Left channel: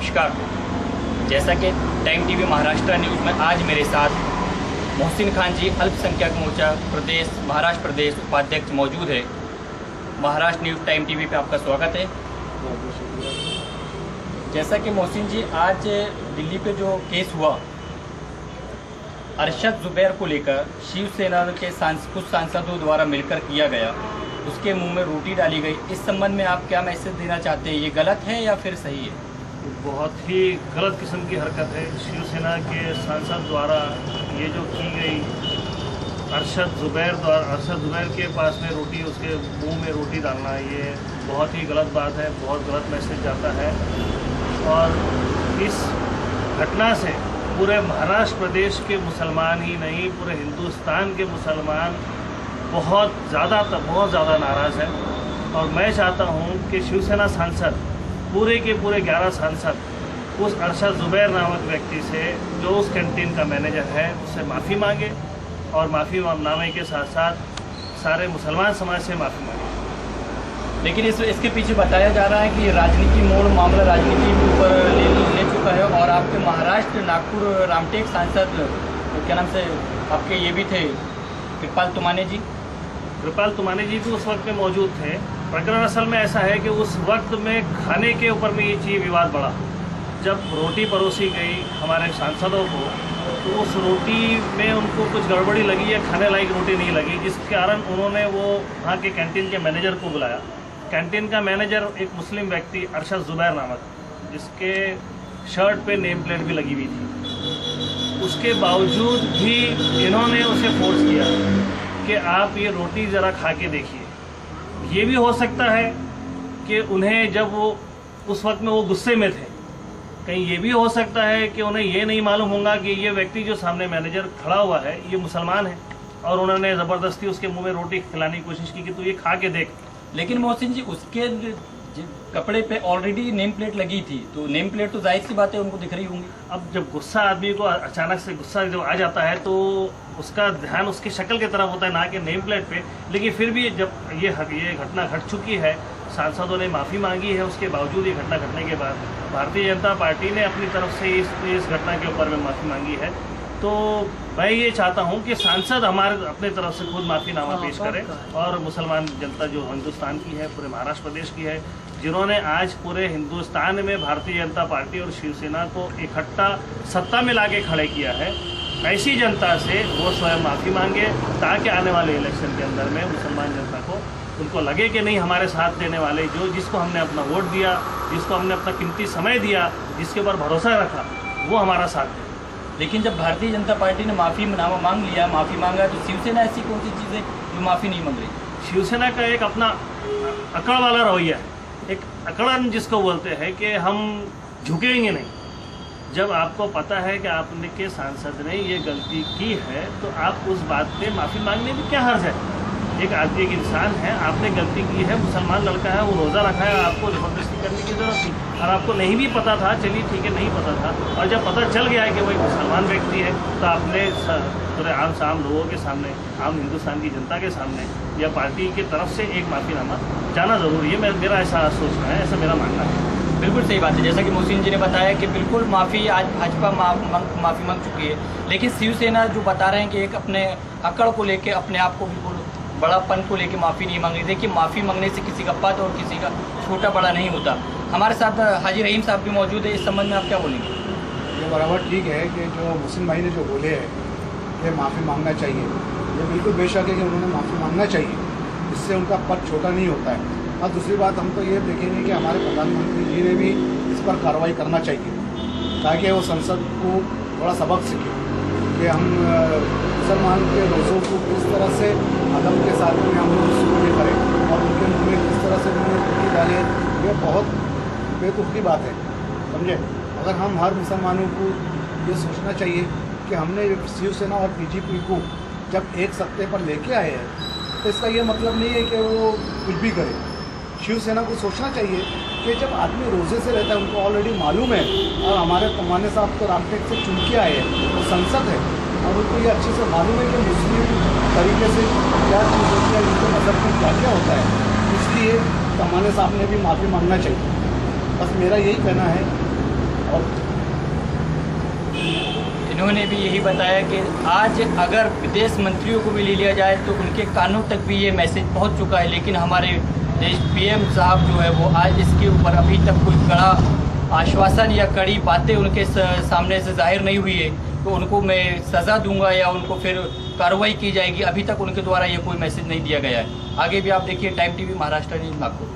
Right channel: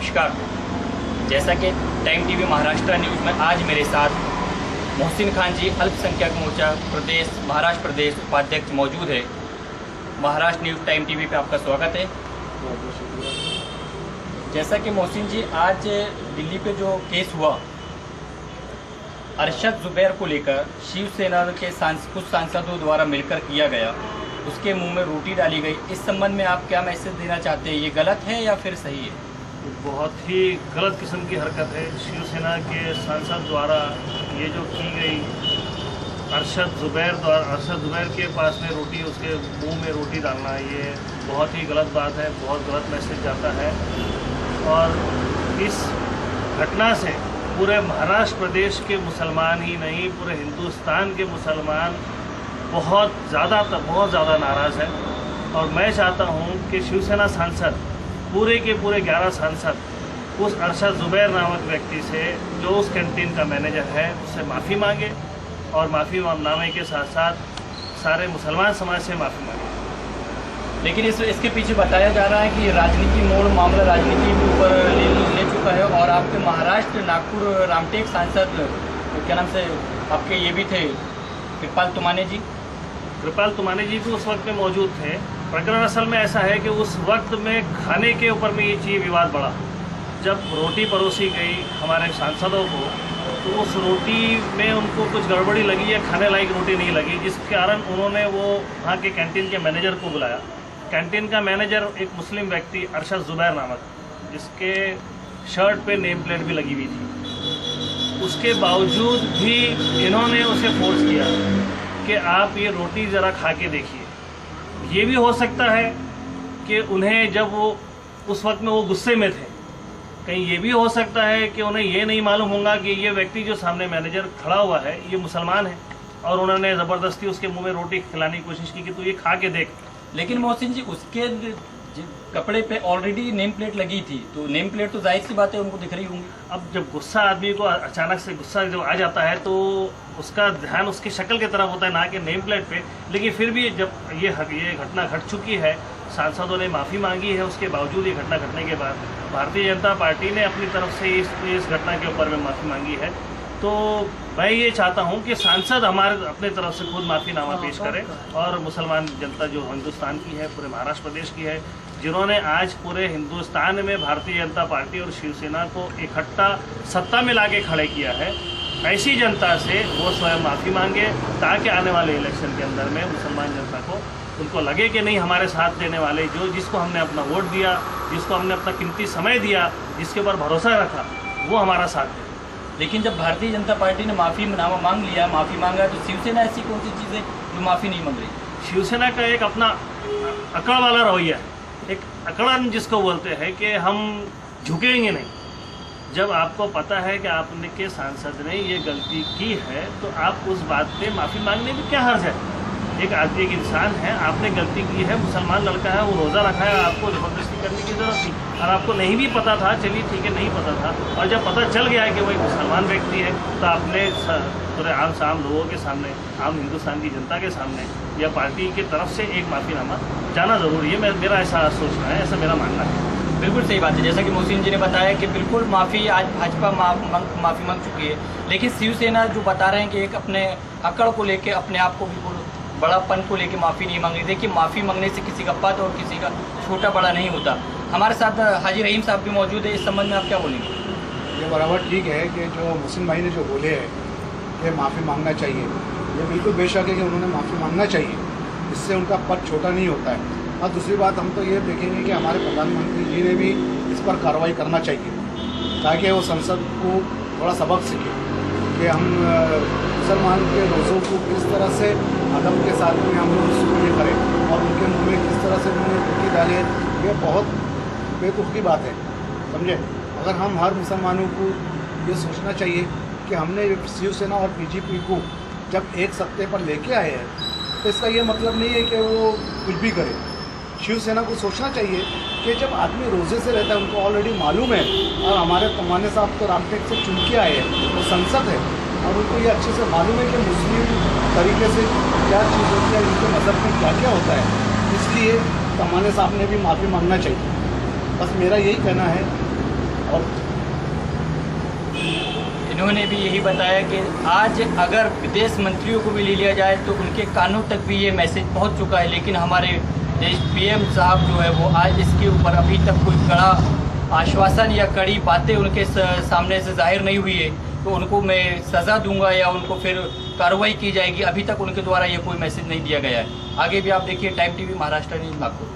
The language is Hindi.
नमस्कार। जैसा कि टाइम टीवी महाराष्ट्र न्यूज़ में आज मेरे साथ मोहसिन खान जी अल्पसंख्यक मोर्चा प्रदेश महाराष्ट्र प्रदेश उपाध्यक्ष मौजूद है। महाराष्ट्र न्यूज़ टाइम टीवी पे आपका स्वागत है। जैसा कि मोहसिन जी आज दिल्ली पे जो केस हुआ अरशद जुबैर को लेकर शिवसेना के कुछ सांसदों द्वारा मिलकर किया गया, उसके मुंह में रोटी डाली गई, इस संबंध में आप क्या मैसेज देना चाहते हैं? ये गलत है या फिर सही है? बहुत ही गलत किस्म की हरकत है। शिवसेना के सांसद द्वारा ये जो की गई अरशद जुबैर के पास में रोटी, उसके मुंह में रोटी डालना, ये बहुत ही गलत बात है, बहुत गलत मैसेज जाता है। और इस घटना से पूरे महाराष्ट्र प्रदेश के मुसलमान ही नहीं, पूरे हिंदुस्तान के मुसलमान बहुत ज़्यादा नाराज़ है। और मैं चाहता हूँ कि शिवसेना सांसद पूरे के पूरे 11 सांसद उस अरशद जुबैर नामक व्यक्ति से, जो उस कैंटीन का मैनेजर है, उससे माफ़ी मांगे और माफ़ी नामे के साथ साथ सारे मुसलमान समाज से माफ़ी मांगे। लेकिन इसके पीछे बताया जा रहा है कि राजनीति मोड़ मामला राजनीति के ऊपर ले चुका है। और आपके महाराष्ट्र नागपुर रामटेक सांसद क्या नाम से आपके ये भी थे, कृपाल तुमाने जी भी उस वक्त में मौजूद थे। प्रकरण असल में ऐसा है कि उस वक्त में खाने के ऊपर में ये चीज़ विवाद बढ़ा। जब रोटी परोसी गई हमारे सांसदों को, तो उस रोटी में उनको कुछ गड़बड़ी लगी या खाने लायक रोटी नहीं लगी, जिस कारण उन्होंने वो वहाँ के कैंटीन के मैनेजर को बुलाया। कैंटीन का मैनेजर एक मुस्लिम व्यक्ति अरशद जुबैर नामक, जिसके शर्ट पे नेम प्लेट भी लगी हुई थी, उसके बावजूद भी इन्होंने उसे फोर्स किया कि आप ये रोटी ज़रा खा के देखिए। ये भी हो सकता है कि उन्हें, जब वो उस वक्त में वो गुस्से में थे, कहीं ये भी हो सकता है कि उन्हें ये नहीं मालूम होगा कि ये व्यक्ति जो सामने मैनेजर खड़ा हुआ है ये मुसलमान है, और उन्होंने ज़बरदस्ती उसके मुंह में रोटी खिलाने की कोशिश की कि तू ये खा के देख। लेकिन मोहसिन जी, उसके कपड़े पे ऑलरेडी नेम प्लेट लगी थी, तो नेम प्लेट तो जाहिर सी बात है उनको दिख रही होंगी। अब जब गुस्सा आदमी को अचानक से गुस्सा जब आ जाता है तो उसका ध्यान उसकी शक्ल की तरफ होता है, ना कि नेम प्लेट पे। लेकिन फिर भी जब ये घटना घट चुकी है, सांसदों ने माफ़ी मांगी है, उसके बावजूद ये घटना घटने के बाद भारतीय जनता पार्टी ने अपनी तरफ से इस घटना के ऊपर में माफ़ी मांगी है। तो मैं ये चाहता हूँ कि सांसद हमारे अपने तरफ से खुद माफ़ीनामा पेश करें, और मुसलमान जनता जो हिंदुस्तान की है, पूरे महाराष्ट्र प्रदेश की है, जिन्होंने आज पूरे हिंदुस्तान में भारतीय जनता पार्टी और शिवसेना को इकट्ठा सत्ता में लाके खड़े किया है, ऐसी जनता से वो स्वयं माफ़ी मांगे, ताकि आने वाले इलेक्शन के अंदर में मुसलमान जनता को उनको लगे कि नहीं, हमारे साथ देने वाले जिसको हमने अपना वोट दिया, जिसको हमने अपना कीमती समय दिया, जिसके ऊपर भरोसा रखा, वो हमारा साथ दे। लेकिन जब भारतीय जनता पार्टी ने माफ़ीनामा मांग लिया, माफ़ी मांगा, तो शिवसेना ऐसी कौन सी चीज़ है जो माफ़ी नहीं मांग रही? शिवसेना का एक अपना अकड़ वाला रवैया है, एक अकड़न जिसको बोलते हैं कि हम झुकेंगे नहीं। जब आपको पता है कि आपने के सांसद ने ये गलती की है, तो आप उस बात पे माफ़ी मांगने में क्या हर्ज है? एक आदमी, एक इंसान है, आपने गलती की है, मुसलमान लड़का है, वो रोज़ा रखा है, आपको ज़बरदस्ती करने की ज़रूरत थी। और आपको नहीं भी पता था, चलिए ठीक है, नहीं पता था, और जब पता चल गया है कि वो एक मुसलमान व्यक्ति है, तो आपने पूरे आम लोगों के सामने, आम हिंदुस्तान की जनता के सामने, या पार्टी की तरफ से एक माफ़ीनामा जाना ज़रूरी है। मेरा ऐसा सोचना है, ऐसा मेरा मानना है। बिल्कुल सही बात है। जैसा कि मोहसिन जी ने बताया कि बिल्कुल माफ़ी आज भाजपा माफ़ी मांग चुकी है, लेकिन शिवसेना जो बता रहे हैं कि एक अपने अकड़ को लेके, अपने आप को बिल्कुल बड़ापन को लेके माफ़ी नहीं मांग रही। देखिए, माफ़ी मांगने से किसी का पद और किसी का छोटा बड़ा नहीं होता। हमारे साथ हाजी रहीम साहब भी मौजूद है, इस संबंध में आप क्या बोलेंगे? ये बराबर ठीक है कि जो मुस्लिम भाई ने जो बोले हैं कि माफ़ी मांगना चाहिए, ये बिल्कुल बेशक है कि उन्होंने माफ़ी मांगना चाहिए, इससे उनका पद छोटा नहीं होता है। और दूसरी बात, हम तो ये देखेंगे कि हमारे प्रधानमंत्री जी ने भी इस पर कार्रवाई करना चाहिए, ताकि वो संसद को थोड़ा सबक सीखे कि हम मुसलमान के रोज़ों को किस तरह से अदब के साथ में हम लोग शुरू करें, और उनके मुँह में किस तरह से उन्होंने रोटी डाले। ये बहुत बेवकूफ़ की बात है, समझे। अगर हम हर मुसलमानों को ये सोचना चाहिए कि हमने शिवसेना और बीजेपी को जब एक सत्ते पर लेके आए हैं, तो इसका ये मतलब नहीं है कि वो कुछ भी करे। शिवसेना को सोचना चाहिए कि जब आदमी रोज़े से रहता है, उनको ऑलरेडी मालूम है, और हमारे तमाने साहब तो रामटेक से चुन के आए हैं, वो संसद है, और उनको ये अच्छे से मालूम है कि मुस्लिम तरीके से क्या चीज़ होती है, उनके मज़हब में क्या क्या होता है। इसलिए तमाने साहब ने भी माफ़ी मांगना चाहिए। बस मेरा यही कहना है इन्होंने भी यही बताया कि आज अगर विदेश मंत्रियों को भी ले लिया जाए तो उनके कानों तक भी ये मैसेज पहुंच चुका है, लेकिन हमारे देश पीएम साहब जो है वो आज इसके ऊपर अभी तक कोई कड़ा आश्वासन या कड़ी बातें उनके सामने से जाहिर नहीं हुई है। तो उनको मैं सज़ा दूंगा या उनको फिर कार्रवाई की जाएगी, अभी तक उनके द्वारा ये कोई मैसेज नहीं दिया गया है। आगे भी आप देखिए time TV Maharashtra news Nagpur.